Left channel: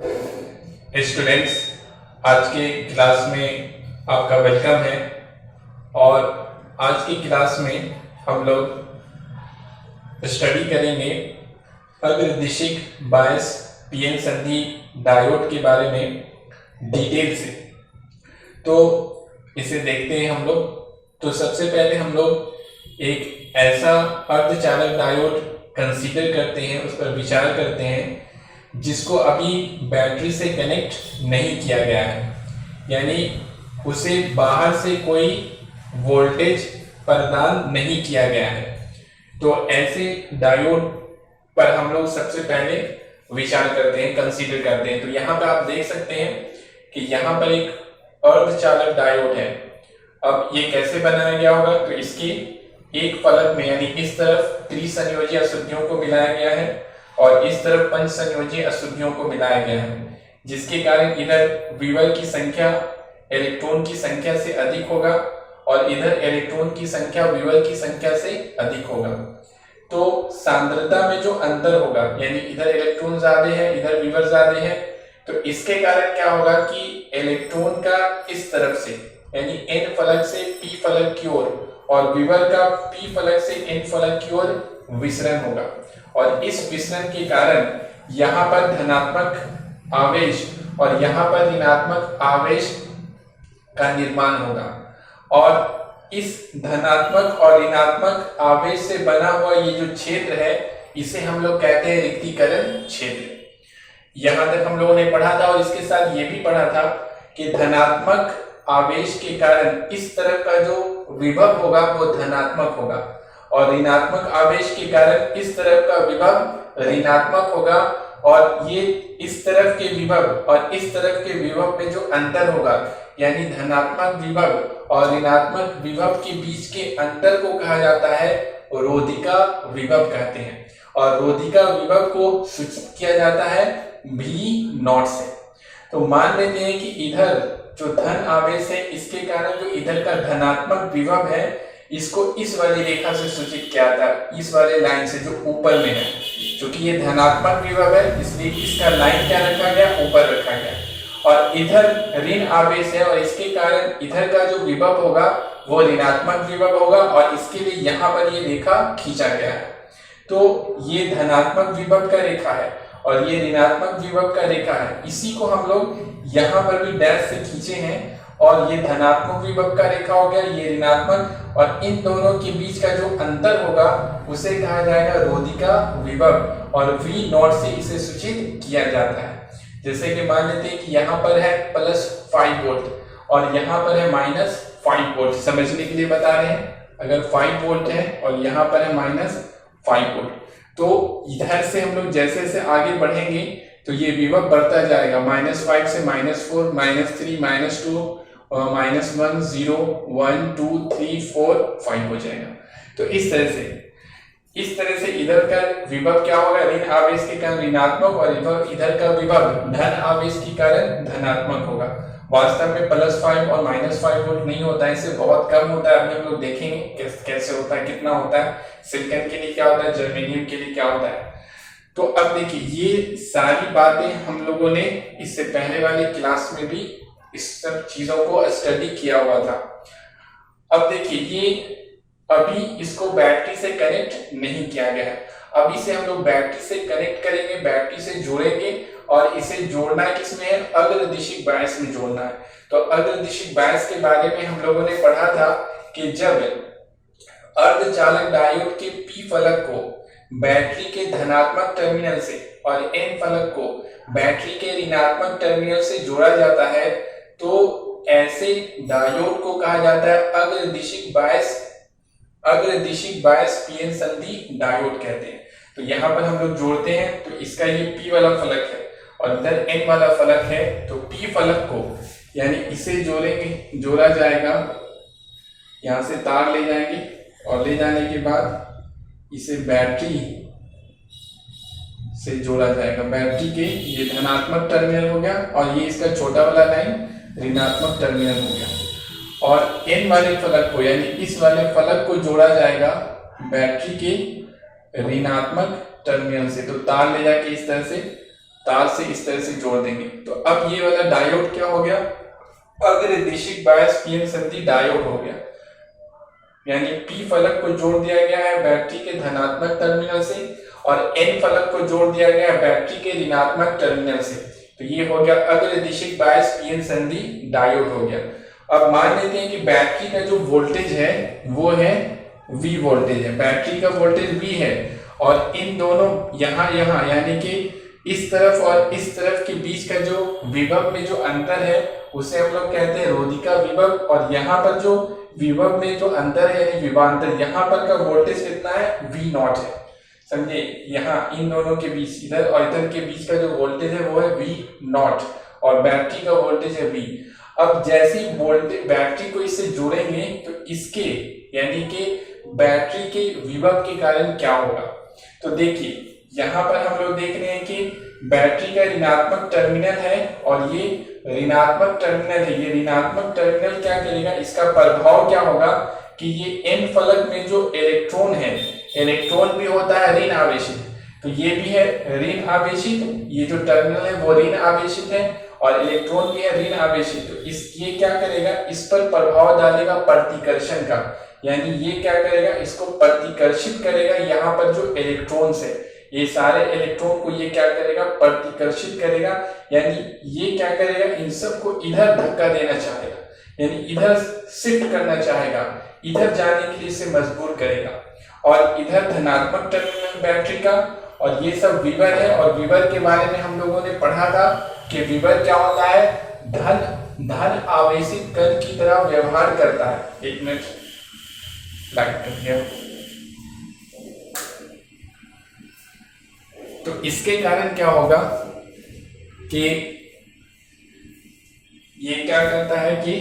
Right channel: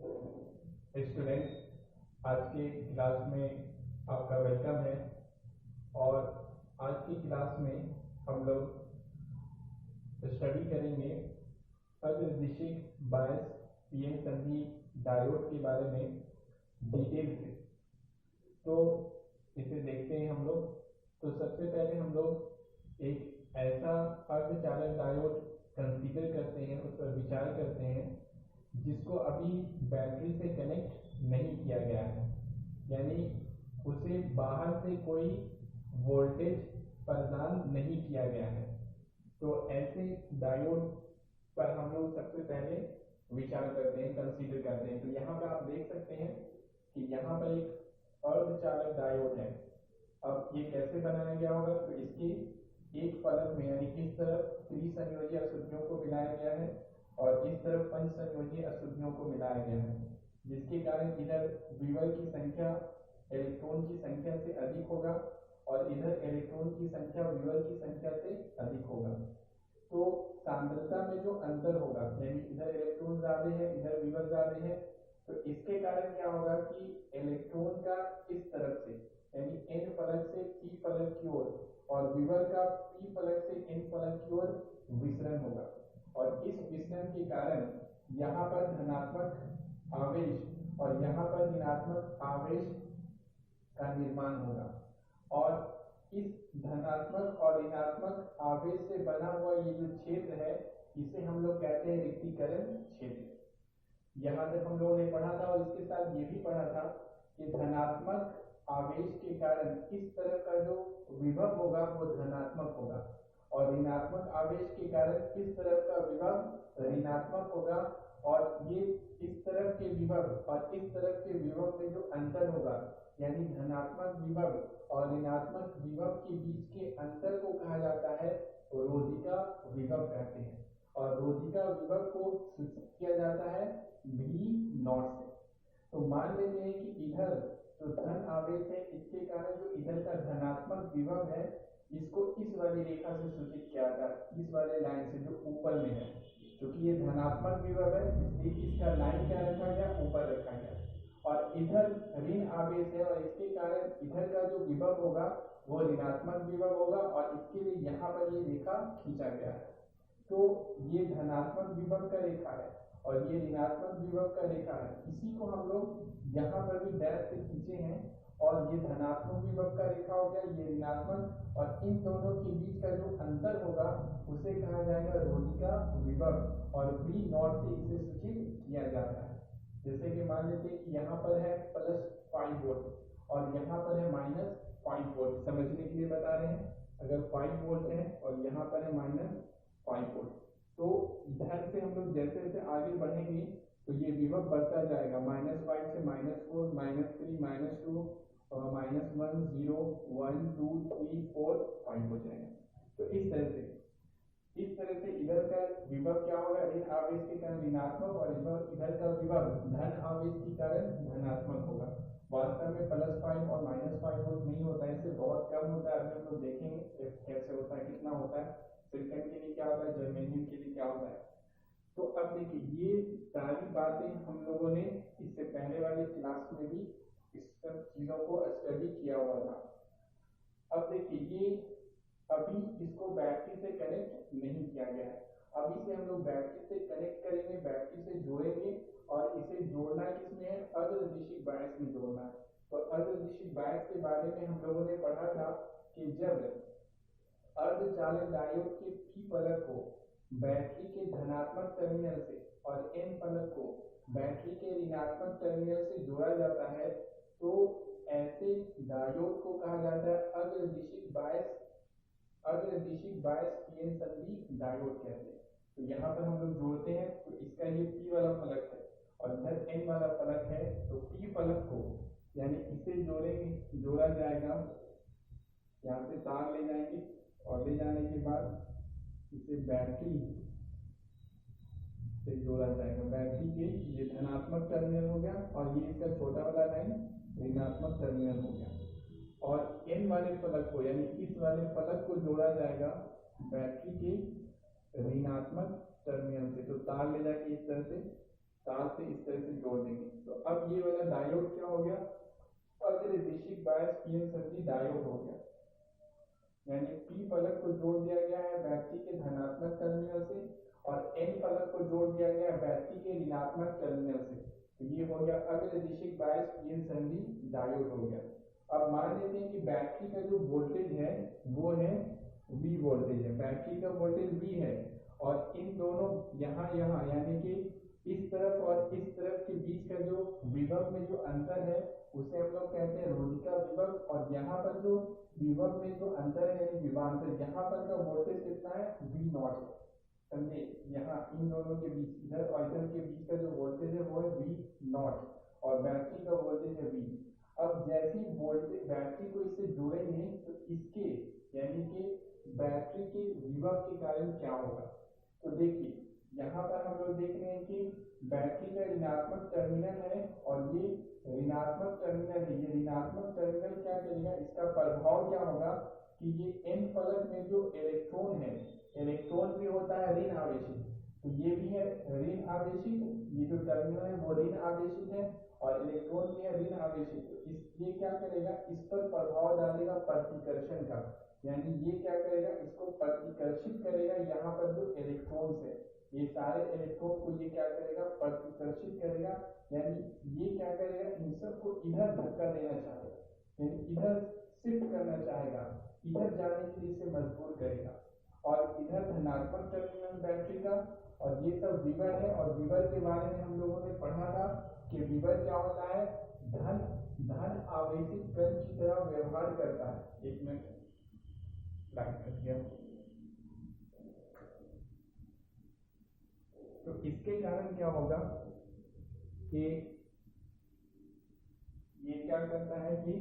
Students, आज के class में आपका वेलकम है। और आज की क्लास में हम लोग स्टडी करेंगे अग्रदिशिक बायस पीएन संधि डायोड के बारे में डिटेल से। तो इसे देखते हैं हम लोग। तो सबसे पहले हम लोग एक ऐसा अर्धचालक डायोड कंसीडर करते हैं, उस पर विचार करते हैं जिसको अभी बैटरी से कनेक्ट नहीं किया गया है, यानी उसे बाहर से कोई वोल्टेज प्रदान नहीं किया गया है। तो ऐसे डायोड पर हम लोग सबसे पहले विचार करते हैं, कंसीडर करते हैं। तो यहाँ पे आप देख सकते हैं कि यहाँ पर एक अर्धचालक डायोड है। अब ये कैसे बनाया गया होगा? तो इसकी एक फलक में यानी इस तरफ त्रिसंयोजी अशुद्धियों को मिलाया गया है और इस तरफ पंच संयोजी अशुद्धियों को मिलाया गया है, जिसके कारण इधर विवर की संख्या इलेक्ट्रॉन की संख्या से अधिक होगा और इधर इलेक्ट्रॉन की संख्या विवर की संख्या से अधिक होगा। तो सांद्रता में जो अंतर होगा, यानी इधर इलेक्ट्रॉन ज्यादा है, इधर विवर ज्यादा है, तो इसके कारण क्या होगा कि इलेक्ट्रॉन का इस तरफ से यानी एन फलक से पी फलक की ओर और विवर का पी फलक से एन फलक की ओर विसरण होगा। और इस विसरण के कारण यहाँ पर धनात्मक आवेश और यहाँ पर ऋणात्मक आवेश का निर्माण होगा। और इस धनात्मक और ऋणात्मक आवेश से बना हुआ ये जो क्षेत्र है, इसे हम लोग कहते हैं रिक्तीकरण क्षेत्र। यहाँ तक हम लोगों ने पढ़ा था और इसके साथ ये भी पढ़ा था कि धनात्मक आवेश के कारण इस तरफ का जो विभव होगा वो धनात्मक होगा और ऋणात्मक आवेश के कारण इस तरफ का विभव ऋणात्मक होगा। और ये इस तरफ के विभव और इस तरफ के विभव में जो अंतर होगा, यानी धनात्मक विभव और ऋणात्मक विभव के बीच के अंतर को कहा जाता है रोधिका विभव कहते हैं। और रोधिका विभव को सूचित किया जाता है V0 से। तो मान लेते हैं कि इधर जो धन आवेश है, इसके कारण जो इधर का धनात्मक विभव है, इसको इस वाली रेखा से सूचित किया था, इस वाले लाइन से जो ऊपर में है। क्योंकि ये धनात्मक विभव है, इसलिए इसका लाइन क्या रखा गया? ऊपर रखा गया। और इधर ऋण आवेश है और इसके कारण इधर का जो विभव होगा वो ऋणात्मक विभव होगा और इसके लिए यहाँ पर ये रेखा खींचा गया है। तो ये धनात्मक विभव का रेखा है और ये ऋणात्मक विभव का रेखा है। इसी को हम लोग यहाँ पर भी डैश से खींचे हैं और ये धनात्मक विभव का रेखा हो गया, ये ऋणात्मक, और इन दोनों के बीच का जो अंतर होगा उसे कहा जाएगा रोधिका विभव और V0 से इसे सूचित किया जाता है। जैसे कि मान लेते हैं कि यहाँ पर है +5 वोल्ट और यहाँ पर है -5 वोल्ट। समझने के लिए बता रहे हैं, अगर 5 वोल्ट है और यहाँ पर है -5 वोल्ट, तो इधर से हम लोग जैसे जैसे आगे बढ़ेंगे तो ये विभव बढ़ता जाएगा, -5 से -4, -3, -2, -1, 0, 1, 2, 3, 4, 5 हो जाएगा। तो इस तरह से इधर का विभव क्या होगा? ऋण आवेश के कारण ऋणात्मक और इधर का विभव धन आवेश के कारण धनात्मक होगा। वास्तव में +5 और -5 वोल्ट नहीं होता है, इससे बहुत कम होता है। अभी हम लोग देखेंगे कैसे होता है, कितना होता है, सिलिकॉन के लिए क्या होता है, जर्मेनियम के लिए क्या होता है। तो अब देखिए, ये सारी बातें हम लोगों ने इससे पहले वाली क्लास में भी इस सब चीजों को स्टडी किया हुआ था। अब देखिए, ये अभी इसको बैटरी से कनेक्ट नहीं किया गया है। अब इसे हम लोग बैटरी से कनेक्ट करेंगे, बैटरी से जोड़ेंगे और इसे जोड़ना किसमें है? अग्रदिशिक बायस में जोड़ना है। तो अग्रदिशिक बायस के बारे में हम लोगों ने पढ़ा था कि जब अर्धचालक डायोड के पी फलक को बैटरी के धनात्मक टर्मिनल से और एन फलक को बैटरी के ऋणात्मक टर्मिनल से जोड़ा जाता है, तो ऐसे डायोड को कहा जाता है अग्रदिशिक बायस पीएन संधि डायोड कहते हैं। तो यहाँ पर हम लोग जोड़ते हैं, तो इसका ये पी वाला फलक है और इधर एन वाला फलक है। तो पी फलक को यानी इसे जोड़ेंगे, जोड़ा जाएगा, यहाँ से तार ले जाएंगे और ले जाने के बाद इसे बैटरी से जोड़ा जाएगा। बैटरी के ये धनात्मक टर्मिनल हो गया और ये इसका छोटा वाला लाइन ऋणात्मक टर्मिनल हो गया। और एन वाले फलक को यानी इस वाले फलक को जोड़ा जाएगा बैटरी के ऋणात्मक टर्मिनल से। तो तार ले जाके इस तरह से तार से इस तरह से जोड़ देंगे। तो अब ये वाला डायोड क्या हो गया, अग्रदिशिक बायस पीएन संधि डायोड हो गया। यानी पी फलक को जोड़ दिया गया है बैटरी के धनात्मक टर्मिनल से और एन फलक को जोड़ दिया गया है बैटरी के ऋणात्मक टर्मिनल से। तो ये हो गया अग्रदिशिक बायस पीएन संधि डायोड हो गया। अब मान लेते हैं कि बैटरी का जो वोल्टेज है वो है V वोल्टेज है, बैटरी का वोल्टेज V है और इन दोनों यहाँ यानी कि इस तरफ और इस तरफ के बीच का जो विभव में जो अंतर है उसे हम लोग कहते हैं रोधिका विभव। और यहाँ पर जो विभव में जो अंतर है यानी विभवांतर, यहाँ पर का वोल्टेज कितना है, V नॉट है। समझे, यहाँ इन दोनों के बीच, इधर और इधर के बीच का जो वोल्टेज है वो है V नॉट और बैटरी का वोल्टेज है V। अब जैसे ही वोल्टेज बैटरी को इससे जोड़ेंगे तो इसके यानी कि बैटरी के विभव के कारण क्या होगा। तो देखिए यहाँ पर हम लोग देख रहे हैं कि बैटरी का ऋणात्मक टर्मिनल है और ये ऋणात्मक टर्मिनल है। ये ऋणात्मक टर्मिनल क्या करेगा, इसका प्रभाव क्या होगा कि ये एन फलक में जो इलेक्ट्रॉन है, इलेक्ट्रॉन भी होता है ऋण आवेशित, तो ये भी है ऋण आवेशित, ये जो टर्मिनल है वो ऋण आवेशित है और इलेक्ट्रॉन भी है ऋण आवेशित। तो ये क्या करेगा, इस पर प्रभाव डालेगा प्रतिकर्षण का, यानी ये क्या करेगा, इसको प्रतिकर्षित करेगा। यहाँ पर जो इलेक्ट्रॉन्स है, ये सारे इलेक्ट्रॉन को ये क्या करेगा, प्रतिकर्षित करेगा, यानी ये क्या करेगा, इन सब को इधर धक्का देना चाहेगा, यानी इधर शिफ्ट करना चाहेगा, इधर जाने के लिए इसे मजबूर करेगा। और इधर धनात्मक टर्मिनल बैटरी का और ये सब विभव है। और विभव के बारे में हम लोगों ने पढ़ा था कि विभव क्या होता है, धन आवेशित कण की तरह व्यवहार करता है। एक मिनट लाइट कट गया। तो इसके कारण क्या होगा कि ये क्या करता है कि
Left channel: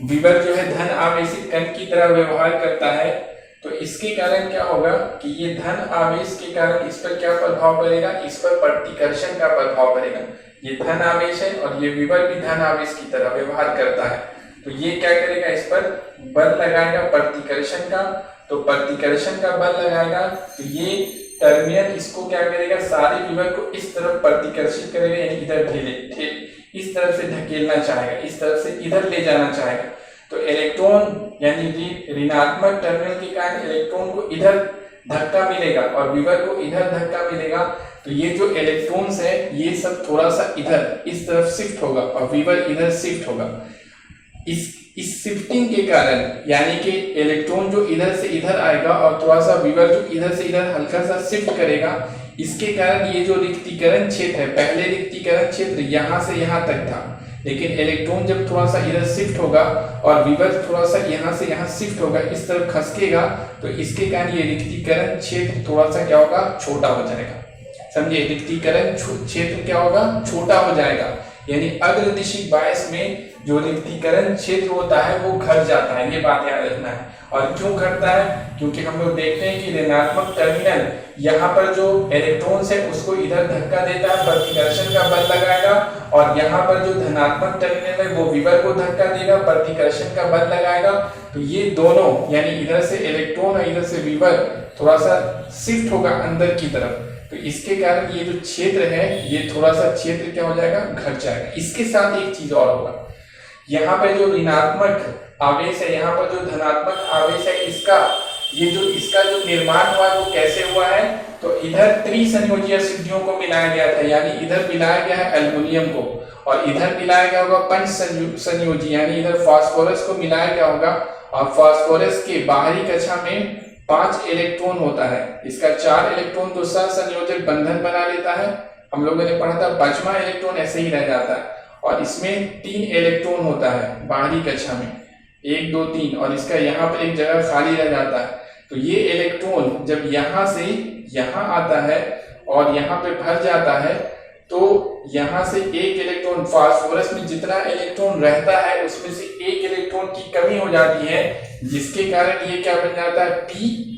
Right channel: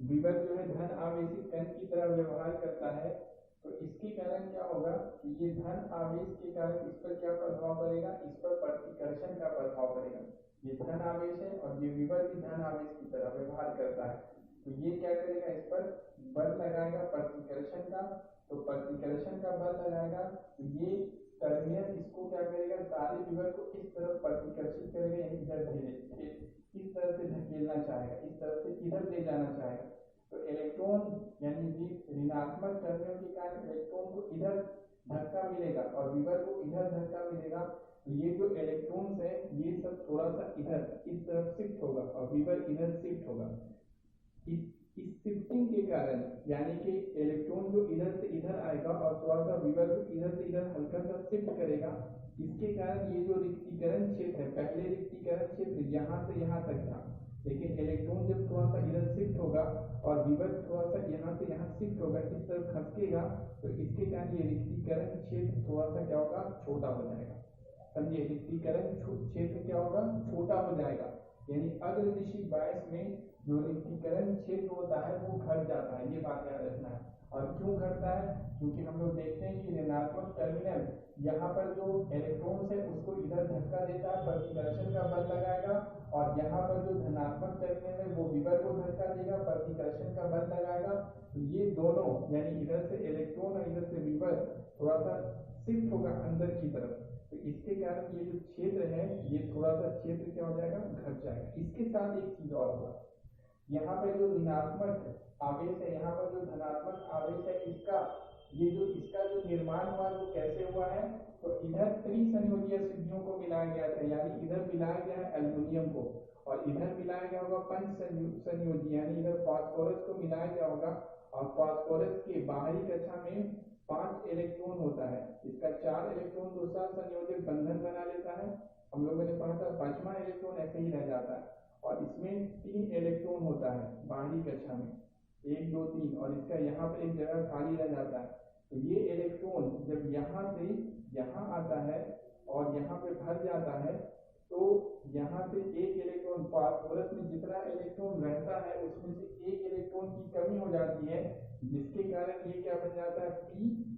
विभव जो है धन आवेशित कण की तरह व्यवहार करता है। तो इसके कारण क्या होगा कि ये धन आवेश के कारण इस पर क्या प्रभाव पड़ेगा, इस पर प्रतिकर्षण का प्रभाव पड़ेगा। ये धन आवेश है और ये विभव भी धन आवेश की तरह व्यवहार करता है। तो ये क्या करेगा, इस पर बल लगाएगा प्रतिकर्षण का। तो प्रतिकर्षण का बल लगाएगा तो ये टर्मिनल इसको क्या करेगा, सारे विभव को इस तरफ प्रतिकर्षित करेगा, यानी इधर इस तरफ से धकेलना चाहेगा, इस तरफ से इधर ले जाना चाहेगा। तो इलेक्ट्रॉन यानी ऋणात्मक टर्मिनल के कारण इलेक्ट्रॉन को इधर धक्का मिलेगा और विभव को इधर धक्का मिलेगा। तो ये जो इलेक्ट्रॉन्स है ये सब थोड़ा सा इधर इस तरफ शिफ्ट होगा और विभव इधर शिफ्ट होगा। इस शिफ्टिंग के कारण यानी कि इलेक्ट्रॉन जो इधर से इधर आएगा और थोड़ा सा विभव जो इधर से इधर हल्का सा शिफ्ट करेगा, इसके कारण ये जो रिक्तीकरण क्षेत्र है, पहले रिक्तीकरण क्षेत्र यहाँ से यहाँ तक था, लेकिन इलेक्ट्रॉन जब थोड़ा सा इधर शिफ्ट होगा और विभव थोड़ा सा यहाँ से यहाँ शिफ्ट होगा, इस तरफ खसकेगा, तो इसके कारण ये रिक्तीकरण क्षेत्र थोड़ा सा क्या होगा, छोटा हो जाएगा। समझिए, रिक्तीकरण क्षेत्र क्या होगा, छोटा हो जाएगा। यानी अग्रदिशिक बायस में जो रिक्तीकरण क्षेत्र होता है वो घट जाता है, ये बात याद रखना है। और क्यों घटता है, क्योंकि हम लोग देखते हैं कि ऋणात्मक टर्मिनल यहाँ पर जो इलेक्ट्रॉन्स है उसको इधर धक्का देता है, प्रतिकर्षण का बल लगाएगा, और यहाँ पर जो धनात्मक टर्मिनल है वो विभव को धक्का देगा, प्रतिकर्षण का बल लगाएगा। तो ये दोनों यानी इधर से इलेक्ट्रॉन और इधर से विभव थोड़ा सा शिफ्ट होगा अंदर की तरफ। तो इसके कारण ये जो क्षेत्र है ये थोड़ा सा क्षेत्र क्या हो जाएगा, घट जाएगा। इसके साथ एक चीज और होगा, यहाँ पे जो ऋणात्मक आवेश है, यहाँ पर जो धनात्मक आवेश है, इसका जो निर्माण हुआ है वो कैसे हुआ है, तो इधर त्रिसंयोजी अशुद्धियों को मिलाया गया था, यानी इधर मिलाया गया है एल्युमिनियम को और इधर मिलाया गया होगा पंच संयोजी, यानी इधर फास्फोरस को मिलाया गया होगा। और फास्फोरस के बाहरी कक्षा में 5 इलेक्ट्रॉन होता है, इसका 4 इलेक्ट्रॉन तो सहसंयोजक बंधन बना लेता है, हम लोगों ने पढ़ा था। 5वां इलेक्ट्रॉन ऐसे ही रह जाता है और इसमें 3 इलेक्ट्रॉन होता है बाहरी कक्षा में, 1 2 3, और इसका यहाँ पर एक जगह खाली रह जाता है। तो ये इलेक्ट्रॉन जब यहाँ से यहाँ आता है और यहाँ पे भर जाता है, तो यहाँ से एक इलेक्ट्रॉन, फास्फोरस में जितना इलेक्ट्रॉन रहता है उसमें से एक इलेक्ट्रॉन की कमी हो जाती है, जिसके कारण ये क्या बन जाता है, P+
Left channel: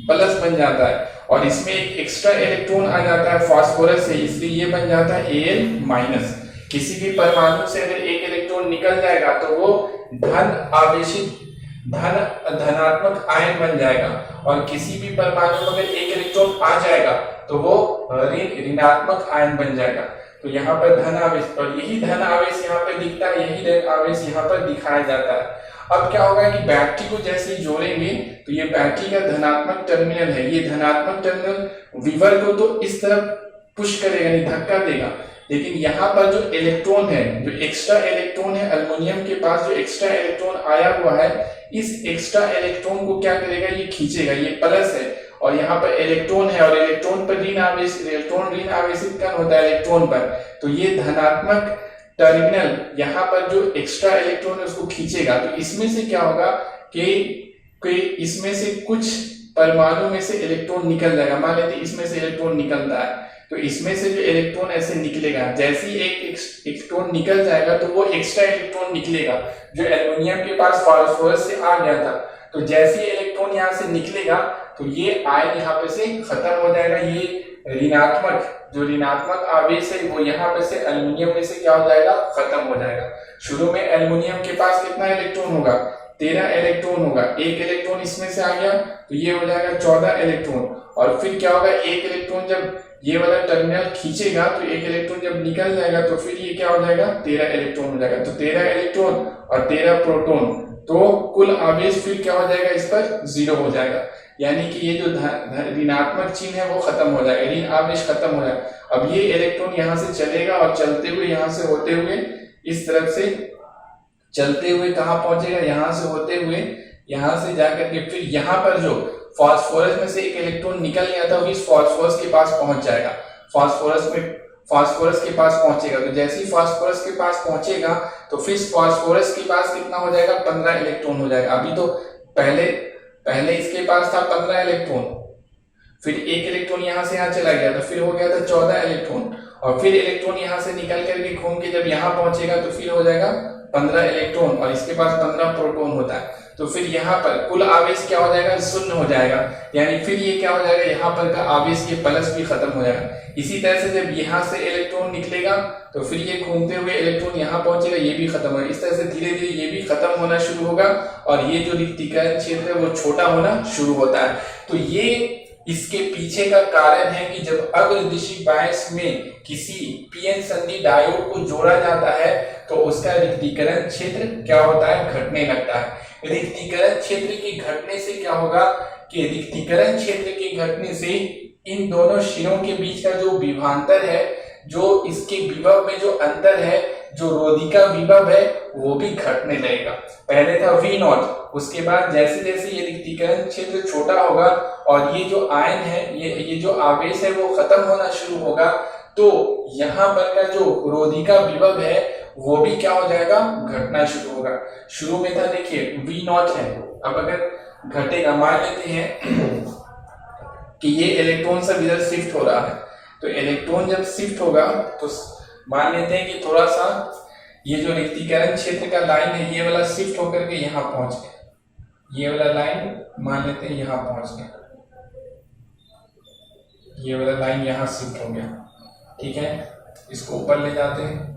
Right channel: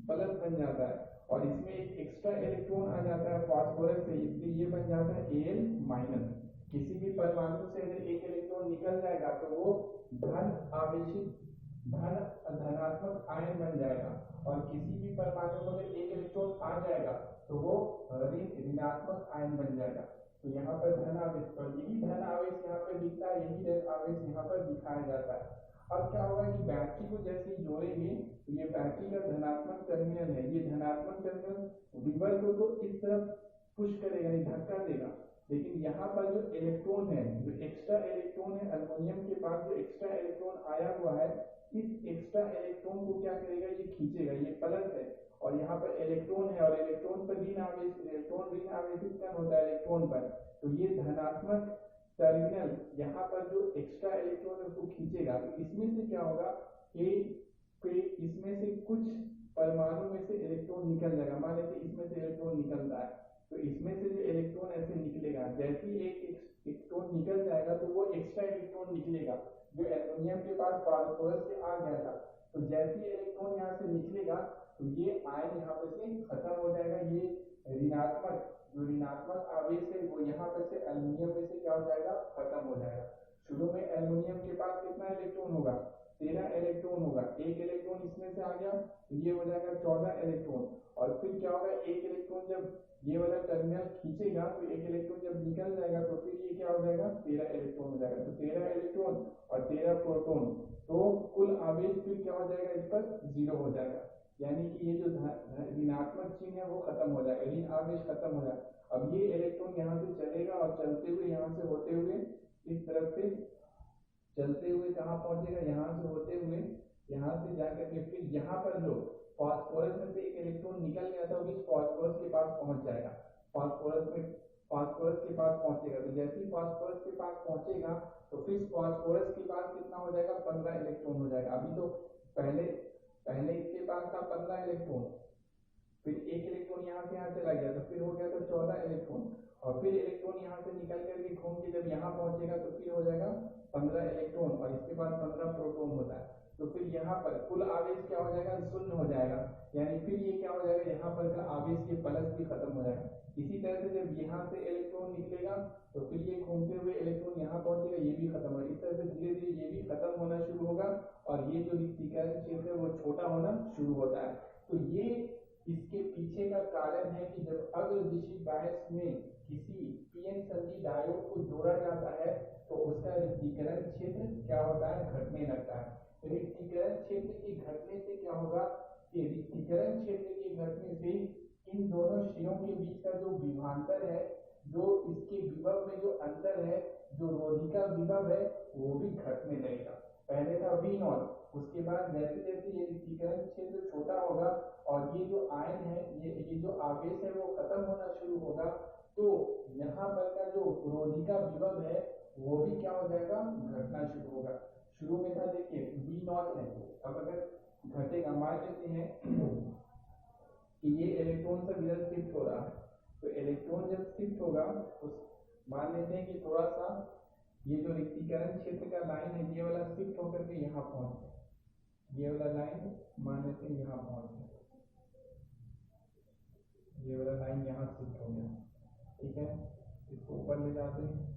बन जाता है, और इसमें एक एक्स्ट्रा इलेक्ट्रॉन आ जाता है फास्फोरस से, इसलिए ये बन जाता है Al-। किसी भी परमाणु से अगर एक इलेक्ट्रॉन निकल जाएगा तो वो धन आवेशित धनात्मक आयन बन जाएगा, और किसी भी परमाणु में अगर एक इलेक्ट्रॉन आ जाएगा तो वो ऋणात्मक आयन बन जाएगा। तो यहाँ पर धन आवेश, और यही धन आवेश यहाँ पर दिखता है, यही धन आवेश यहाँ पर दिखाया जाता है। अब क्या होगा कि बैटरी को जैसे ही जोड़ेंगे तो ये बैटरी का धनात्मक टर्मिनल है, ये धनात्मक टर्मिनल विवर को तो इस तरफ पुश करेगा, नहीं धक्का देगा, लेकिन यहाँ पर जो इलेक्ट्रॉन है, जो एक्स्ट्रा इलेक्ट्रॉन है एल्युमिनियम के पास, जो एक्स्ट्रा इलेक्ट्रॉन आया हुआ है, इस एक्स्ट्रा इलेक्ट्रॉन को क्या करेगा, ये खींचेगा, ये प्लस है और यहाँ पर इलेक्ट्रॉन है और इलेक्ट्रॉन पर ऋण आवेश, इलेक्ट्रॉन ऋण आवेशित कण होता है इलेक्ट्रॉन पर, तो ये धनात्मक टर्मिनल यहाँ पर जो एक्स्ट्रा इलेक्ट्रॉन है उसको खींचेगा। तो इसमें से क्या होगा कि इसमें से कुछ परमाणु में से इलेक्ट्रॉन निकल जाएगा। मान लेते इसमें से इलेक्ट्रॉन निकलता है तो इसमें से जो इलेक्ट्रॉन ऐसे निकलेगा, जैसे ही एक इलेक्ट्रॉन निकल जाएगा तो वो एक्स्ट्रा इलेक्ट्रॉन निकलेगा जो एल्युमिनियम के पास फास्फोरस से आ गया था। तो जैसे ही इलेक्ट्रॉन यहाँ से निकलेगा तो ये आयन यहाँ पे से खत्म हो जाएगा, ये ऋणात्मक जो ऋणात्मक आवेश है वो यहाँ पे से एल्युमिनियम में से क्या हो जाएगा, खत्म हो जाएगा। शुरू में एल्युमिनियम के पास कितना इलेक्ट्रॉन होगा, 13 इलेक्ट्रॉन होगा, एक इलेक्ट्रॉन इसमें से आ गया तो ये हो जाएगा 14 इलेक्ट्रॉन, और फिर क्या होगा, एक इलेक्ट्रॉन जब ये वाला टर्मिनल खींचेगा तो एक इलेक्ट्रॉन जब निकल जाएगा तो फिर ये क्या हो जाएगा, 13 इलेक्ट्रॉन हो जाएगा। तो 13 इलेक्ट्रॉन और 13 प्रोटॉन, तो कुल आवेश फिर क्या हो जाएगा, इस पर 0 हो जाएगा, यानी कि ये जो ऋणात्मक चिन्ह है वो खत्म हो जाएगा, ऋण आवेश खत्म हो जाएगा। अब ये इलेक्ट्रॉन यहाँ से चलेगा और चलते हुए यहाँ से होते हुए इस तरफ से चलते हुए कहाँ पहुंचेगा, यहाँ से होते हुए यहाँ से जाकर के फिर यहाँ पर जो फास्फोरस में से एक इलेक्ट्रॉन निकल गया था वो इस फास्फोरस के पास पहुंच जाएगा, फास्फोरस के पास पहुंचेगा। तो जैसे ही फास्फोरस के पास पहुंचेगा तो फिर फास्फोरस के पास कितना हो जाएगा, 15 इलेक्ट्रॉन हो जाएगा। अभी तो पहले इसके पास था 15 इलेक्ट्रॉन, फिर एक इलेक्ट्रॉन यहाँ से यहाँ चला गया तो फिर हो गया था 14 इलेक्ट्रॉन, और फिर इलेक्ट्रॉन यहाँ से निकल करके घूम के जब यहाँ पहुंचेगा तो फिर हो जाएगा 15 इलेक्ट्रॉन, और इसके पास 15 प्रोटॉन होता है। तो फिर यहाँ पर कुल आवेश क्या हो जाएगा, 0 हो जाएगा, यानी फिर ये क्या हो जाएगा, यहाँ पर का आवेश के प्लस भी खत्म हो जाएगा। इसी तरह से जब यहाँ से इलेक्ट्रॉन निकलेगा तो फिर ये घूमते हुए इलेक्ट्रॉन यहाँ पहुंचेगा, ये भी खत्म होगा। इस तरह से धीरे धीरे ये भी खत्म होना शुरू होगा और ये जो रिक्तीकरण क्षेत्र है वो छोटा होना शुरू होता है। तो ये इसके पीछे का कारण है कि जब अग्रदिशी बायस में किसी पीएन संधि डायोड को जोड़ा जाता है तो उसका रिक्तीकरण क्षेत्र क्या होता है, घटने लगता है। रिक्तीकरण क्षेत्र के घटने से क्या होगा कि रिक्तीकरण क्षेत्र के घटने से इन दोनों शिरों के बीच का जो विभवांतर है, जो इसके विभव में जो अंतर है, जो रोधिका विभव है, वो भी घटने लगेगा। पहले था V0, उसके बाद जैसे जैसे ये रिक्तीकरण क्षेत्र छोटा होगा और ये जो आयन है, ये जो आवेश है वो खत्म होना शुरू होगा, तो यहाँ पर का जो रोधिका विभव है वो भी क्या हो जाएगा, घटना शुरू होगा। शुरू में था देखिए V0 है, अब अगर घटेगा, मान लेते हैं कि ये इलेक्ट्रॉन सब इधर शिफ्ट हो रहा है, तो इलेक्ट्रॉन जब शिफ्ट होगा तो मान लेते हैं कि थोड़ा सा ये जो रिक्तीकरण क्षेत्र का लाइन है ये वाला शिफ्ट होकर के यहाँ पहुंच गया, ये वाला लाइन मान लेते हैं यहाँ पहुंच गया, ये वाला लाइन यहाँ शिफ्ट हो गया, ठीक है। इसको ऊपर ले जाते हैं,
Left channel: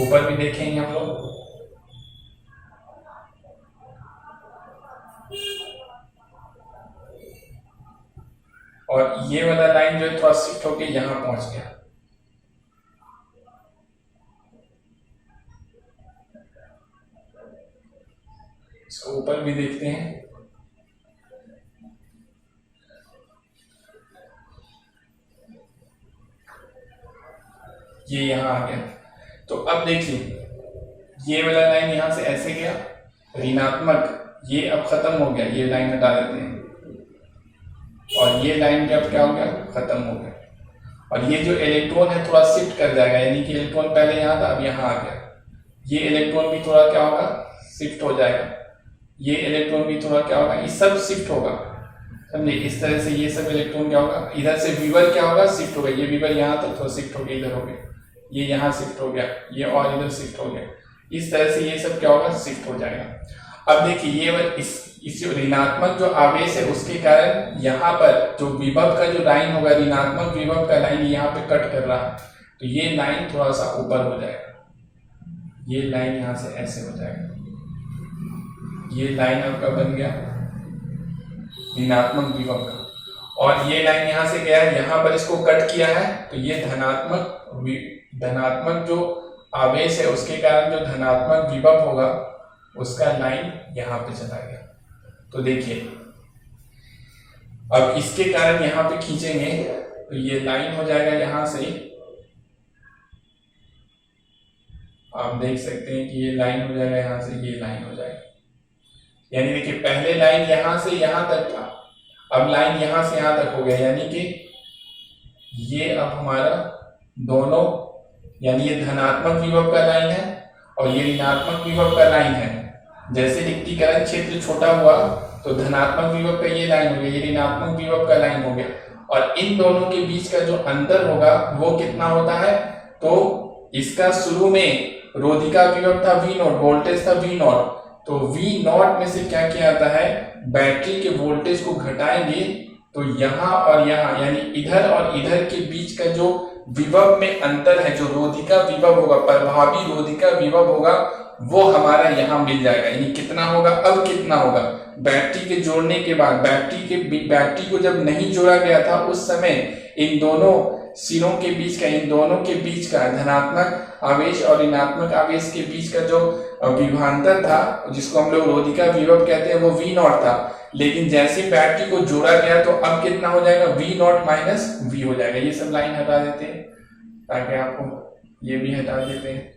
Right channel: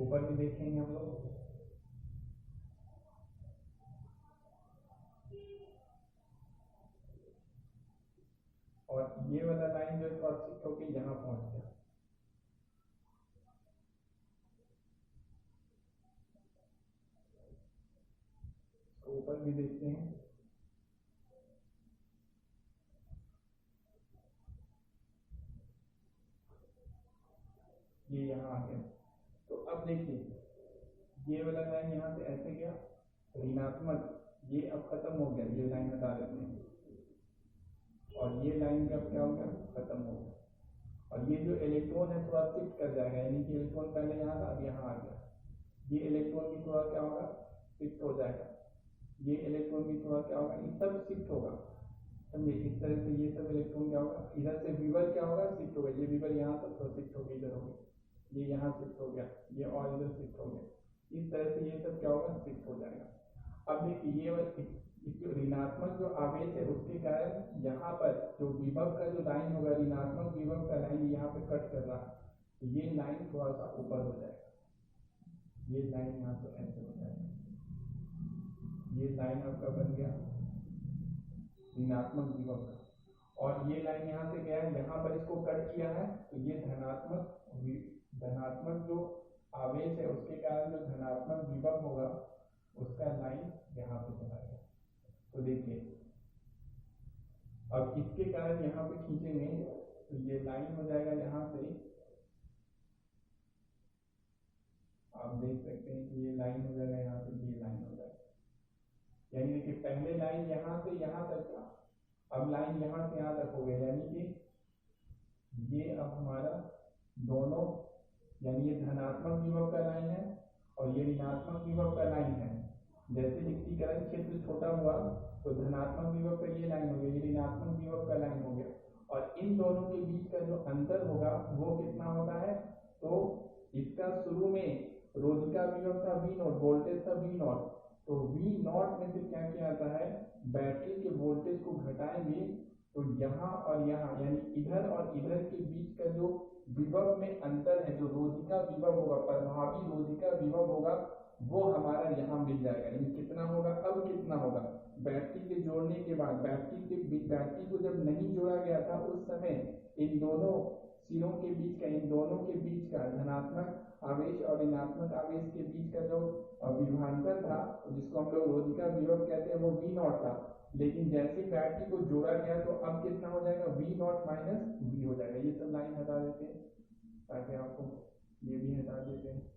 ऊपर भी देखेंगे हम लोग। और ये वाला लाइन जो है थोड़ा शिफ्ट होके यहाँ पहुंच गया, इसको ऊपर भी देखते हैं। ये यहाँ आ गया, तो अब देखिए ये वाला लाइन यहाँ से ऐसे गया ऋणात्मक, ये अब खत्म हो गया, ये लाइन हटा देते हैं, और ये लाइन का अब क्या हो गया, खत्म हो गया। और ये जो इलेक्ट्रॉन है थोड़ा शिफ्ट कर जाएगा, यानी कि इलेक्ट्रॉन पहले यहाँ था अब यहाँ आ गया, ये इलेक्ट्रॉन भी थोड़ा क्या होगा, शिफ्ट हो जाएगा, ये इलेक्ट्रॉन भी थोड़ा क्या होगा, ये सब शिफ्ट होगा, समझे। इस तरह से ये सब इलेक्ट्रॉन क्या होगा, इधर से विवर क्या होगा, शिफ्ट होगा, ये विवर यहाँ तक थोड़ा शिफ्ट हो गया, इधर हो गया, ये यहाँ शिफ्ट हो गया, ये और इधर शिफ्ट हो गया, इस तरह से ये सब क्या होगा, शिफ्ट हो जाएगा। अब देखिए ये इस ऋणात्मक जो आवेश है उसके कारण यहाँ पर जो विभव का जो लाइन होगा, ऋणात्मक विभव का लाइन यहाँ पे कट कर रहा है, तो ये लाइन थोड़ा सा ऊपर हो जाएगा, ये लाइन यहाँ से ऐसे हो जाएगा, ये लाइन आपका बन गया ऋणात्मक विभव का। और ये लाइन यहाँ से गया है, यहाँ पर इसको कट किया है, तो ये धनात्मक जो आवेश है उसके कारण जो धनात्मक विभव होगा उसका लाइन यहाँ पे चला गया। तो देखिए अब इसके कारण यहाँ पे खींचेंगे तो ये लाइन हो जाएगा, यहाँ से आप देख सकते हैं कि ये लाइन हो जाएगा, यहाँ से ये लाइन हो जाएगा। यानी देखिए पहले लाइन यहाँ से यहाँ तक था, अब लाइन यहाँ से यहाँ तक हो गया, यानी कि ये अब हमारा दोनों, यानी ये धनात्मक विभव का लाइन है और ये ऋणात्मक विभव का लाइन है। जैसे रिक्तीकरण क्षेत्र छोटा हुआ तो धनात्मक विभव का ये लाइन हो गया, ये ऋणात्मक विभव का लाइन हो गया, और इन दोनों के बीच का जो अंतर होगा वो कितना होता है, तो इसका शुरू में रोधिका विभव था V0, वोल्टेज था V0, तो V0 में से क्या किया जाता है, बैटरी के वोल्टेज को घटाएंगे तो यहाँ और यहाँ यानी इधर और इधर के बीच का जो विभव में अंतर है, जो रोधिका विभव होगा, प्रभावी रोधिका विभव होगा, वो हमारा यहाँ मिल जाएगा। यानी कितना होगा, अब कितना होगा, बैटरी के जोड़ने के बाद, बैटरी को जब नहीं जोड़ा गया था उस समय इन दोनों सिरों के बीच का, इन दोनों के बीच का धनात्मक आवेश और ऋणात्मक आवेश के बीच का जो विभवांतर था, जिसको हम लोग रोधिका विभव कहते हैं, वो V0 था। लेकिन जैसे बैटरी को जोड़ा गया तो अब कितना हो जाएगा, V0 माइनस V हो जाएगा। ये सब लाइन हटा देते हैं ताकि आपको ये भी हटा देते हैं,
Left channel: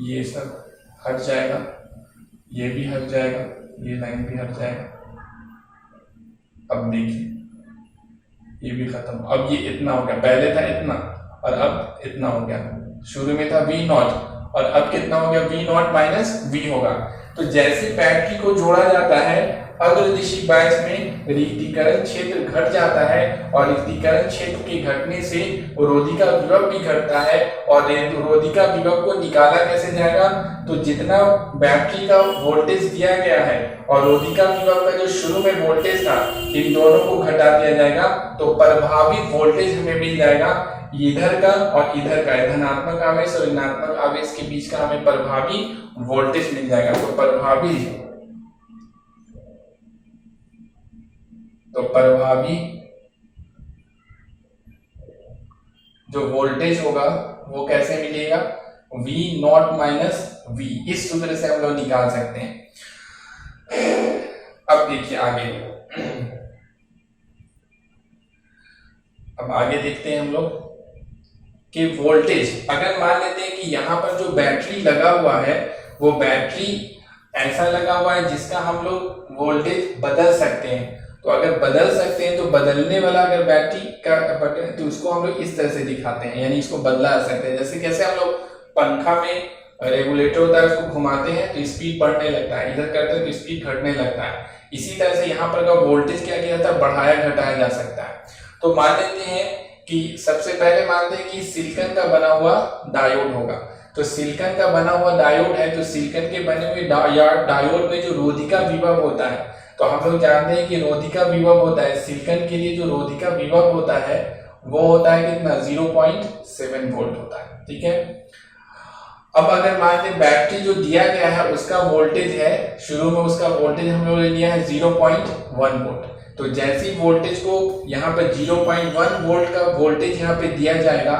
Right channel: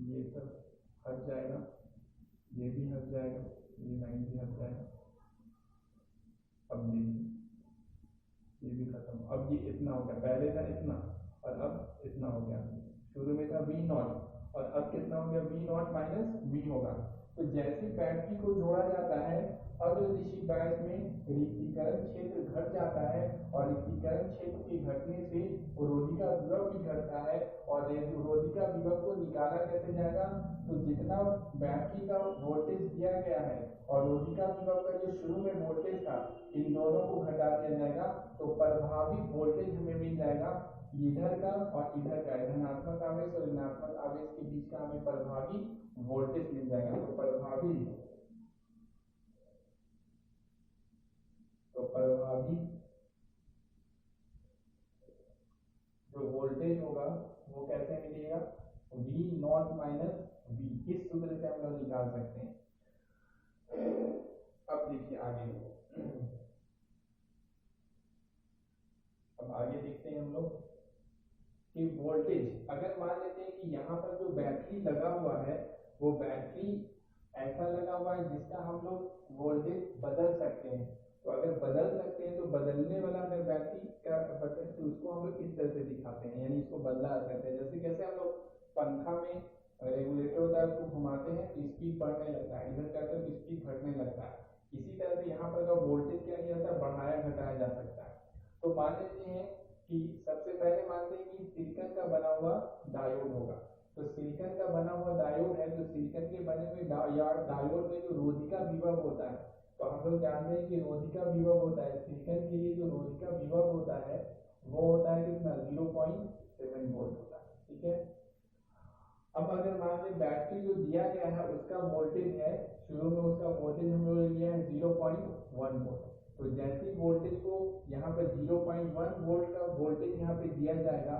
ये सब हट जाएगा, ये भी हट जाएगा, ये लाइन भी हट जाएगा। अब देखिए ये भी खत्म, अब ये इतना हो गया, पहले था इतना और अब इतना हो गया। शुरू में था V0 और अब कितना हो गया, V0 माइनस V होगा। तो जैसे बैटरी को जोड़ा जाता है अग्रदिशी बायस में रिक्तीकरण क्षेत्र घट जाता है, और रिक्तीकरण क्षेत्र के घटने से रोधिका विभव भी घटता है, और रोधिका विभव को निकाला कैसे जाएगा, तो जितना बैटरी का वोल्टेज दिया गया है और रोधिका विभव का जो शुरू में वोल्टेज था, इन दोनों को घटा दिया जाएगा तो प्रभावी वोल्टेज हमें मिल जाएगा। इधर का और इधर का, धनात्मक आवेश और ऋणात्मक आवेश के बीच का हमें प्रभावी वोल्टेज मिल जाएगा। तो प्रभावी जो वोल्टेज होगा वो कैसे मिलेगा, V0 माइनस V, इस सूत्र से हम लोग निकाल सकते हैं। अब देखिए आगे, अब आगे देखते हैं हम लोग कि वोल्टेज, अगर मान लेते हैं कि यहाँ पर जो बैटरी लगा हुआ है वो बैटरी ऐसा लगा हुआ है जिसका हम लोग वोल्टेज बदल सकते हैं। तो अगर बदल सकते हैं तो बदलने वाला अगर बैटरी का बटन, तो उसको हम लोग इस तरह से दिखाते हैं, यानी इसको बदला जा सकते हैं। जैसे कैसे हम लोग पंखा में रेगुलेटर होता है, उसको घुमाते हैं तो स्पीड बढ़ने लगता है, इधर करते हैं तो स्पीड घटने लगता है। इसी तरह से यहाँ पर का वोल्टेज क्या किया जाता है, बढ़ाया घटाया जा सकता है। तो मान लेते हैं कि सबसे पहले मानते हैं कि सिलिकॉन का बना हुआ डायोड होगा। तो सिलिकॉन का बना हुआ डायोड है, तो सिलिकॉन के बने हुए डायोड में जो रोधिका विभव होता है, तो हम लोग जानते हैं कि रोधिका विभव होता है, सिलिकॉन के लिए जो रोधिका विभव होता है वो होता है कितना, 0.7 वोल्ट होता है। ठीक है, अब अगर मान लें बैटरी जो दिया गया है उसका वोल्टेज है, शुरू में उसका वोल्टेज हम लोग ने लिया है 0.1 वोल्ट। तो जैसे ही वोल्टेज को यहाँ पर 0.1 वोल्ट का वोल्टेज यहाँ पे दिया जाएगा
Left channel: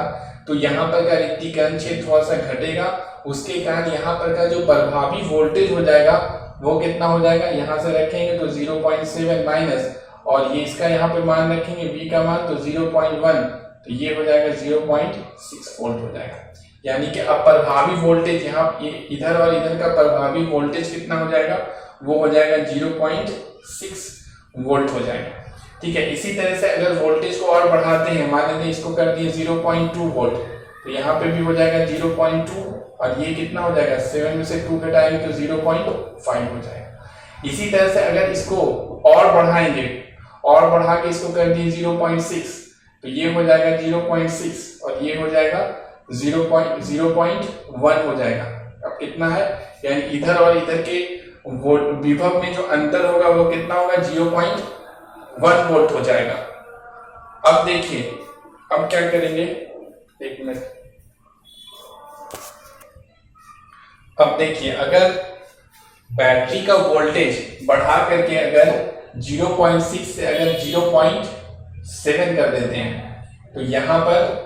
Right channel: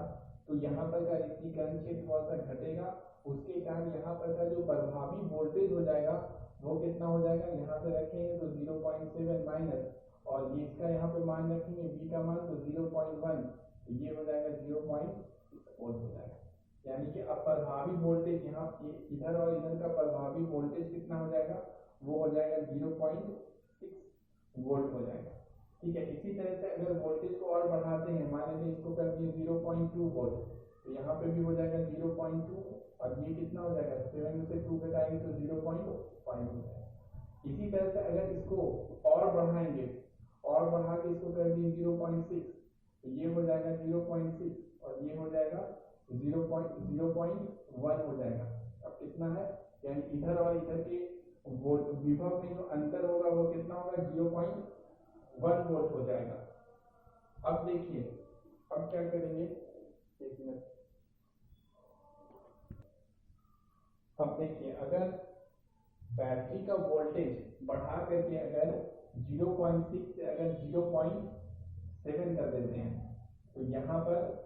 तो यहाँ पर का रिक्तीकरण क्षेत्र थोड़ा सा घटेगा, उसके कारण यहाँ पर का जो प्रभावी वोल्टेज हो जाएगा वो कितना हो जाएगा, यहाँ से रखेंगे तो 0.7 माइनस, और ये इसका यहाँ पे मान रखेंगे V का मान तो 0.1, तो ये हो जाएगा 0.6 वोल्ट हो जाएगा। यानी कि अब प्रभावी वोल्टेज यहाँ इधर और इधर का प्रभावी वोल्टेज कितना हो जाएगा, वो हो जाएगा 0.6 वोल्ट हो जाएगा। ठीक है, इसी तरह से अगर वोल्टेज को और बढ़ाते हैं, मान लेते हैं इसको कर दिए 0.2 वोल्ट, तो यहाँ पे भी हो जाएगा 0.2, और ये कितना हो जाएगा, 7 में से 2 घटाएंगे तो 0.5 हो जाएगा। इसी तरह से अगर इसको और बढ़ाएंगे, और बढ़ा के इसको कर दिए 0.6, तो ये हो जाएगा 0.6 और ये हो जाएगा 0.1 हो जाएगा। अब कितना है, यानी इधर और इधर के विभव में जो अंतर होगा वो कितना होगा, 0.1 वोल्ट हो जाएगा। अब देखिए अब क्या करेंगे, एक मिनट, अब देखिए अगर बैटरी का वोल्टेज बढ़ा करके अगर 0.6 से अगर 0.7 कर देते हैं तो यहाँ पर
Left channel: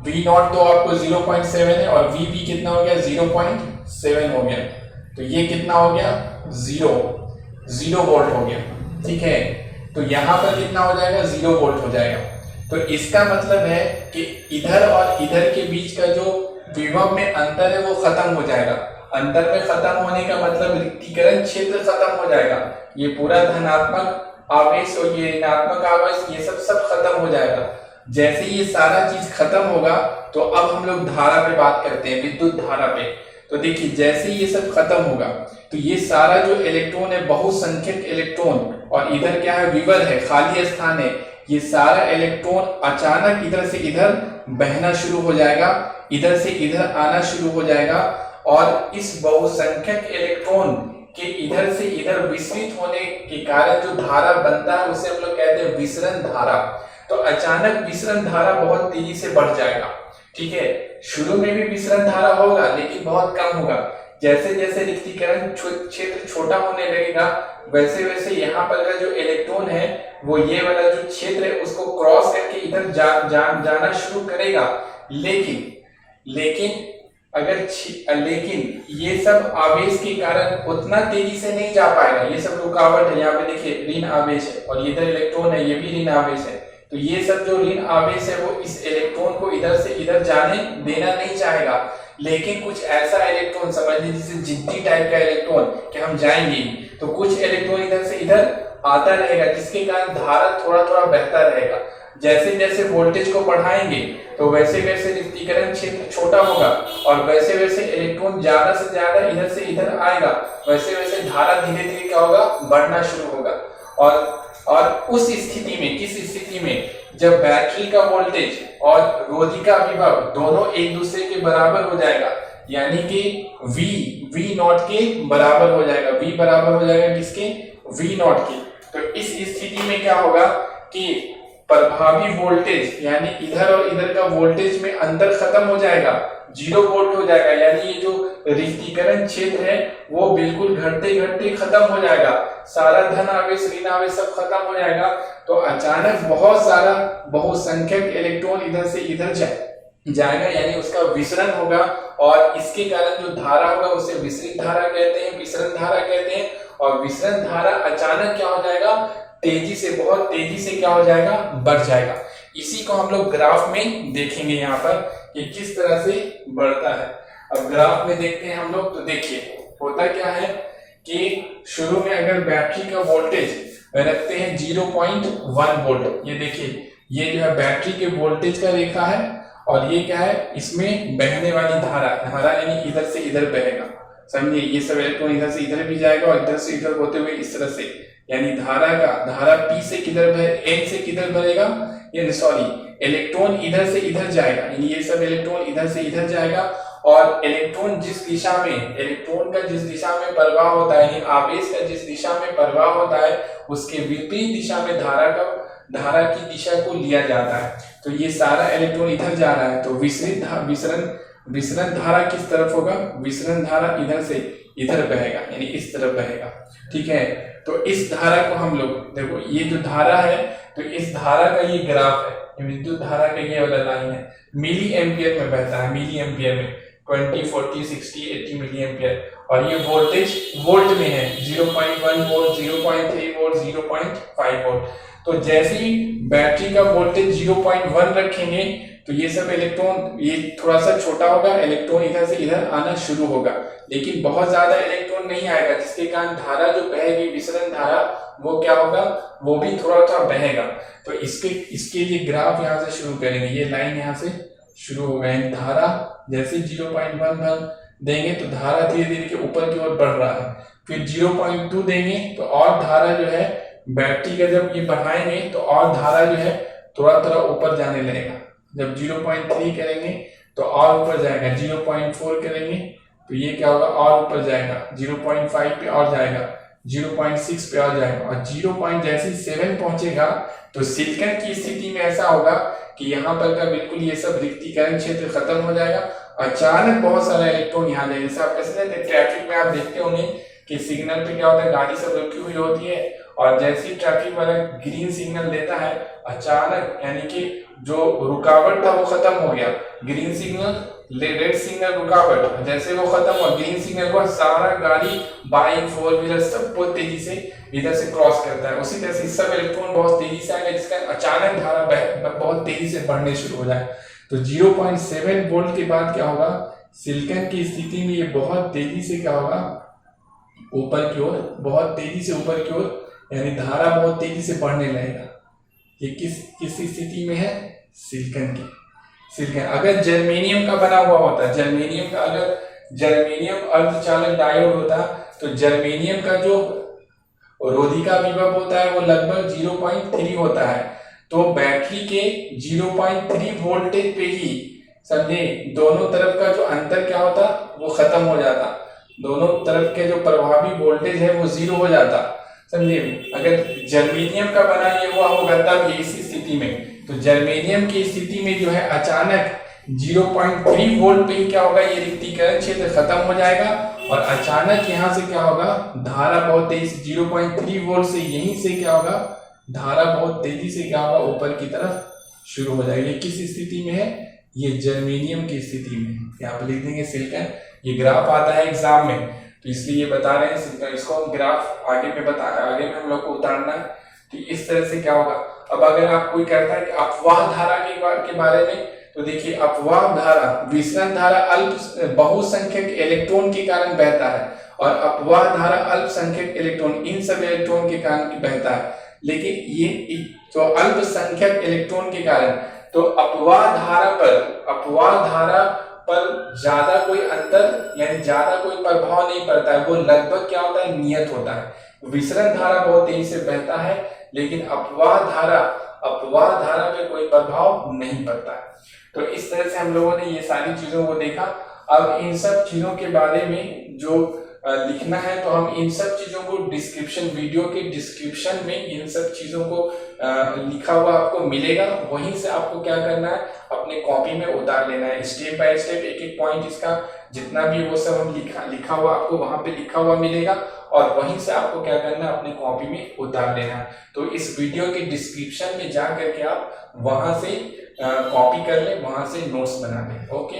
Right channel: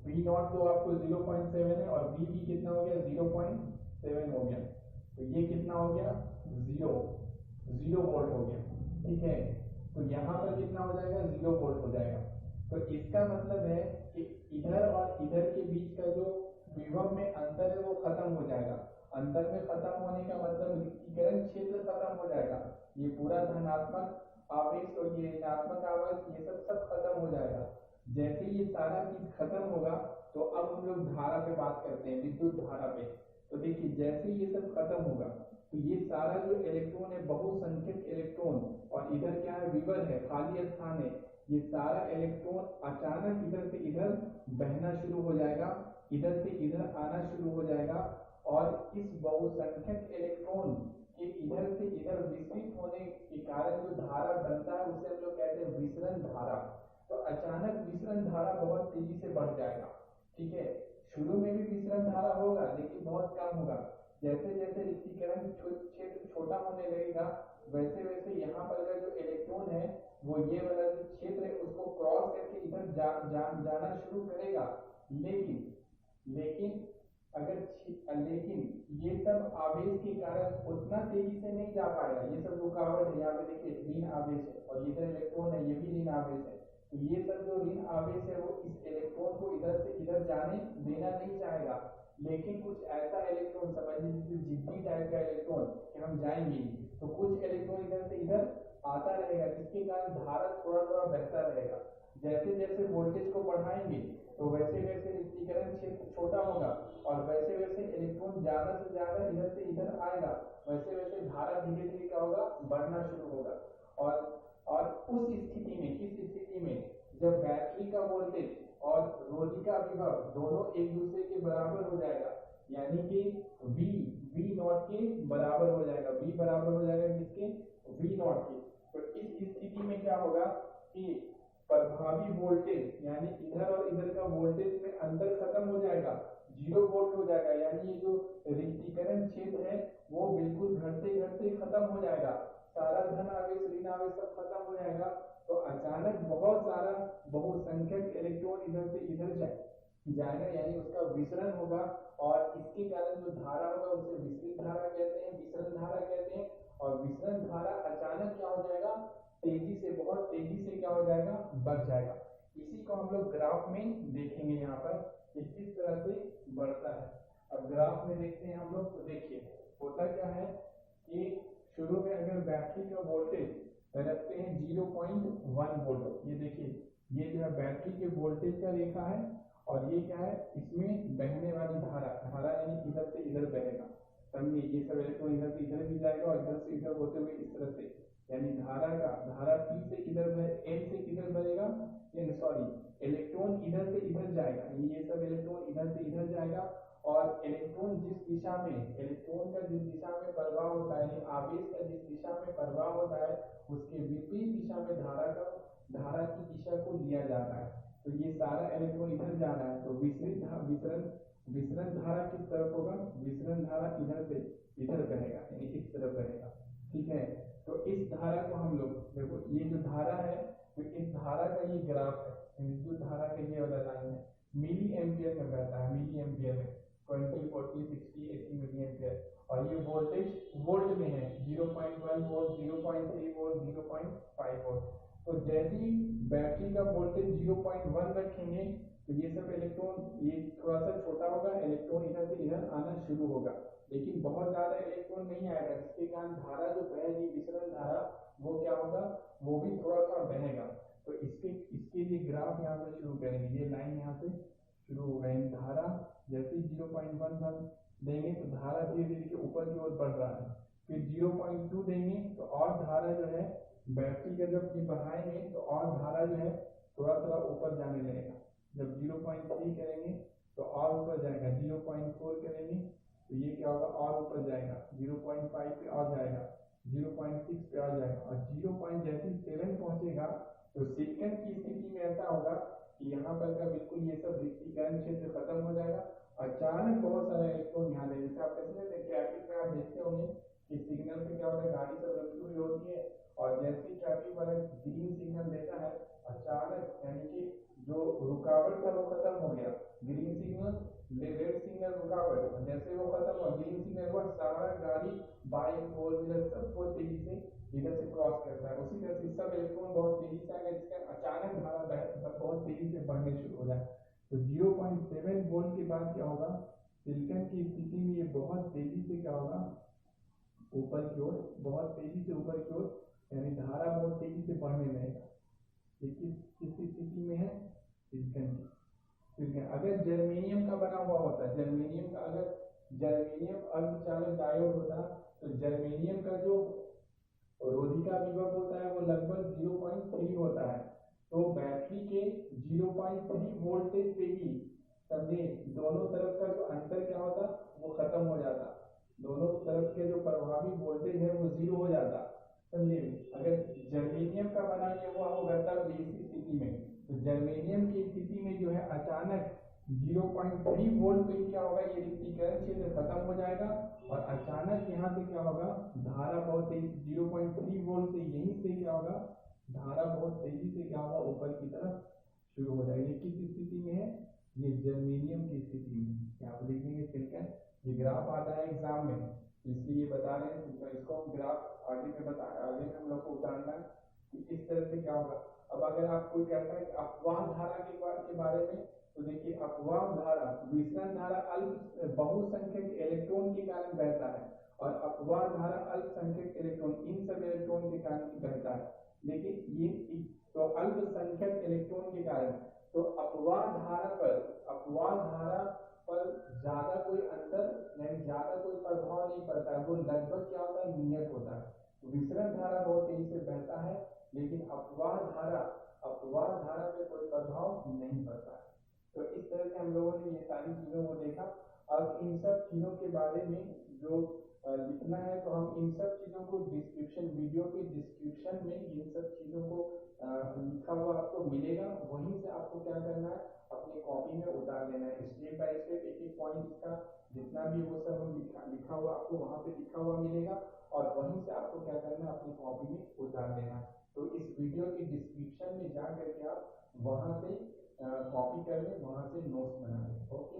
V नॉट तो आपको 0.7 है और VB कितना हो गया 0.7 हो गया, तो ये कितना हो गया 0 वोल्ट हो गया। ठीक है, तो यहाँ पर कितना हो जाएगा 0 वोल्ट हो जाएगा। तो इसका मतलब है कि इधर और इधर के बीच का जो विभव में अंतर है वो खत्म हो जाएगा। अंतर में खत्म होने का मतलब रिक्तीकरण क्षेत्र खत्म हो जाएगा। ये पूरा धनात्मक आवेश और ये ऋणात्मक आवेश ये सब खत्म हो जाएगा। जैसे ये सारा चीज खत्म होगा तो अब हम लोग धारा पे बात करते हैं, विद्युत धारा पे। तो देखिए जैसे ये सब खत्म होगा तो ये सारा जो इलेक्ट्रॉन है, बहुसंख्यक इलेक्ट्रॉन, और इधर क्या है विवर है, खाली स्थान है, ये सारा इलेक्ट्रॉन अचानक इधर से इधर बहना शुरू हो जाएगा, इधर से इधर आना शुरू हो जाएगा, और इस बहुसंख्यक इलेक्ट्रॉन के इधर से इधर विसरित होने के कारण जो धारा बनता है उसे हम लोग कहते हैं विसरण धारा। तो अचानक विसरण धारा बहुत तेजी से बढ़ जाएगा। ठीक है, शुरू में भी विसरण धारा होगा लेकिन बहुत कम होगा। जैसे जैसे रिक्तीकरण क्षेत्र छोटा होने लगेगा वैसे वैसे यहाँ पर का जो इलेक्ट्रॉन है वो ये वाला जो क्षेत्र है उसको क्रॉस करके इधर जाना शुरू करेगा। लेकिन ये सब आवेश के कारण उतना तेजी से नहीं जा पाएगा। ये सब रुकावट है, यहाँ पे देखिए ऋण आवेश है और इधर इलेक्ट्रॉन है, ये भी ऋण आवेश है। तो ये सब जो ऋण आवेश है वो इस इलेक्ट्रॉन को इधर से इधर जाने देना नहीं चाहेगा। लेकिन कुछ ऐसा इलेक्ट्रॉन समझ लीजिए जैसे जिद्दी टाइप का इलेक्ट्रॉन कि हम जाएंगे, तो कुछ इलेक्ट्रॉन इधर से इधर आता रहेगा जिसके कारण धारा थोड़ा थोड़ा बहता रहेगा। जैसे जैसे वोल्टेज को बढ़ाएंगे तो वैसे वैसे रिक्तीकरण क्षेत्र छोटा होगा और वैसे वैसे इलेक्ट्रॉन ज्यादा से ज्यादा इधर से इधर आएगा, वैसे वैसे धारा धीरे धीरे क्या होगा बढ़ना शुरू होगा। और उस स्थिति में, किस स्थिति में, जब बैटरी का वोल्टेज और रोधी का विभव दोनों एक दूसरे के बराबर हो जाएगा, यानी कि V नॉट के बराबर हो जाएगा। V बराबर हो जाएगा किसके, V नॉट के। तो इस स्थिति में क्या होगा कि प्रभावी वोल्टेज यानी इधर और इधर का वोल्टेज में अंतर खत्म हो जाएगा, 0 वोल्ट हो जाएगा। यानी ये जो रिक्तीकरण क्षेत्र है वो बिल्कुल घटते घटते खत्म हो जाएगा, सारा धन आवेश ऋण आवेश सब खत्म हो जाएगा। तो अचानक बहुत सारा बहुसंख्यक इलेक्ट्रॉन इधर से इधर जाएगा, यानी उसका विसरण होगा, और इसके कारण जो धारा होगा उसे विसरित धारा कहते हैं, विसरण धारा कहते हैं। और विसरण धारा अचानक क्या हो जाएगा, तेजी से, बहुत तेजी से क्या हो जाएगा, बढ़ जाएगा। इसी को हम लोग ग्राफ में देखेंगे यहाँ पर कि किस तरह से बढ़ता है। अब ग्राफ में देखते हैं हम लोग, तो देखिए होता क्या है कि शुरू में अगर बैटरी का वोल्टेज रखते हैं 0.1 वोल्ट, ये देखिए ये जो है बैटरी के वोल्टेज का रेखा है, और ये क्या है, इसमें बहने वाली धारा यानी इधर से इधर बहेगा। समझिए ये सब इलेक्ट्रॉन इधर से इधर भी जाएगा और इधर से इधर होते हुए इस तरह से, यानी धारा P से किधर N से किधर भरेगा, यानी सॉरी इलेक्ट्रॉन इधर से इधर जाएगा, यानी ये सब इलेक्ट्रॉन इधर से इधर जाएगा। और इलेक्ट्रॉन जिस दिशा में, इलेक्ट्रॉन का जिस दिशा में प्रवाह होता है, यानी आवेश का जिस दिशा में प्रवाह होता है उसके विपरीत दिशा में धारा की दिशा को लिया जाता है। तो ये सारा इलेक्ट्रॉन इधर जा रहा है, तो विसरण धारा किस तरफ होगा, विसरण धारा इधर से इधर बहेगा, यानी इस तरफ बहेगा। ठीक है, तो इस धारा को हम लोग देखो, ये जो धारा है तो इस धारा का ये ग्राफ है, विद्युत धारा का ये वाला लाइन है, मिली एम्पियर में बहता है, मिली एम्पियर में 20, 40, 60, 80 मिली एम्पियर। और ये वोल्टेज वोल्ट में है, 0.1 वोल्ट, 0.3 वोल्ट, 0.5 वोल्ट। तो जैसे ही बैटरी का वोल्टेज 0.1 रखेंगे तो ये सब इलेक्ट्रॉन, ये थोड़ा सा छोटा होगा, इलेक्ट्रॉन इधर से इधर आना शुरू होगा, लेकिन बहुत ज्यादा इलेक्ट्रॉन नहीं आएगा, जिसके कारण धारा जो बहेगी, विसरण धारा, वो क्या होगा, वो भी थोड़ा थोड़ा बहेगा। तो इसके लिए ग्राफ यहाँ से शुरू करेंगे, ये लाइन यहाँ से शुरू हो गई, धारा जैसे 0.1 देंगे तो धारा धीरे धीरे के ऊपर की ओर बढ़ रहा है। फिर 0.2 देंगे तो और धारा जो है बैटरी का जब ये बढ़ाएंगे तो और धारा जो है थोड़ा थोड़ा ऊपर जाने लगेगा। जब 0.3 करेंगे तो और ऊपर जाएगा, 0.4 करेंगे तो ये क्या होगा, और ऊपर जाएगा, 0.5 पे और जाएगा, 0.6 पे और जाएगा, और 0.7 पहुंचेगा तो सिलिकॉन की स्थिति में ऐसा होगा कि यहाँ पर का बिल्कुल ये सब रिक्तीकरण क्षेत्र खत्म हो जाएगा। अचानक बहुत सारा इलेक्ट्रॉन यहाँ जाएगा, जैसे आप कैसे ट्रैफिक में आप देखते होंगे कि सिग्नल पे क्या होता है, गाड़ी सब रुकी हुई होती है और जैसे ही ट्रैफिक वाला ग्रीन सिग्नल देता है, अचानक यानी कि जो रुकावट था वो खत्म हो गया, ग्रीन सिग्नल रेड सिग्नल रुकावट जैसे वो खत्म हुआ, ग्रीन सिग्नल को सारा गाड़ी बाइक फोर व्हीलर सब बहुत तेजी से इधर से क्रॉस करता है। उसी तरह से सब इलेक्ट्रॉन बहुत तेजी से आएगा जिसका अचानक धारा बहुत तेजी से बढ़ने शुरू हो जाए। तो 0.7 वोल्ट के बाद क्या होगा, सिलिकॉन की स्थिति में ये बहुत तेजी से क्या होगा, ऊपर की ओर, बहुत तेजी से ऊपर की ओर, यानी धारा बहुत तेजी से बढ़ने लगेगा। ये किस स्थिति में है, सिलिकॉन की। सिलिकॉन अगर जर्मेनियम का बना हुआ होता, जर्मेनियम का अगर जर्मेनियम अर्धचालक डायोड होता तो जर्मेनियम का जो रोधिका विभव होता है वो लगभग 0.3 होता है। तो बैटरी के 0.3 वोल्टेज पे ही समझे दोनों तरफ का जो अंतर क्या होता वो खत्म हो जाता, दोनों तरफ के जो प्रभावी वोल्टेज है वो 0 हो जाता, समझे। अगर जर्मेनियम का बना ये हुआ होगा तब इसी स्थिति में, तो जर्मेनियम की स्थिति में जो है अचानक 0.3 वोल्ट पे ही क्या होगा, ये रिक्तीकरण क्षेत्र खत्म हो जाएगा और अचानक यहाँ से क्या होगा, धारा बहुत तेजी से 0.3 वोल्ट से यहीं से क्या होगा, धारा बहुत तेजी से क्या होगा, ऊपर की तरफ शुरू हो जाएगी। ये किस स्थिति में है, ये जर्मेनियम की स्थिति में है। यहाँ पे लिख देंगे सिलिकॉन, ये ग्राफ आता है एग्जाम में तो इसलिए ये बता रहे हैं, इसको हम ग्राफ आगे में हम लोग को उतारना है। तो इस तरह से क्या होगा। अब अगर आप कोई कहता है कि अपवाह धारा के बारे में, तो देखिए अपवाह धारा, विसरण धारा अल्प बहुसंख्यक इलेक्ट्रॉन के कारण बहता है और अपवाह धारा अल्पसंख्यक इलेक्ट्रॉन, इन सब इलेक्ट्रॉन के कारण बहता है। लेकिन ये तो अल्पसंख्यक इलेक्ट्रॉन के कारण, तो अपवाह धारा पर ज्यादा कोई अंतर यानी ज्यादा कोई प्रभाव नहीं पड़ता है, वो लगभग क्या होता है, नियत होता है। विसरण धारा बहुत तेजी से बहता है लेकिन अपवाह धारा पे कोई प्रभाव नहीं पड़ता है। तो इस तरह से हम लोगों ने ये सारी चीजों को देखा। अब इन सब चीजों के बारे में जो लिखना है तो हम इन सब चीजों को डिस्क्रिप्शन, वीडियो के डिस्क्रिप्शन में इन सब चीजों को लिखा हुआ आपको मिलेगा, वहीं से आपको क्या करना है, अपने कॉपी में उतार लेना है। स्टेप बाय स्टेप एक एक पॉइंट इसका जितना भी वो सब हम लिखा हुआ आपको वहां पे लिखा हुआ मिलेगा और वहीं से आपको क्या करना है, अपने कॉपी में उतार लेना है। तो इस वीडियो के डिस्क्रिप्शन में जा करके आप वहां से कॉपी कर ले, वहां से नोट्स बना लें। ओके।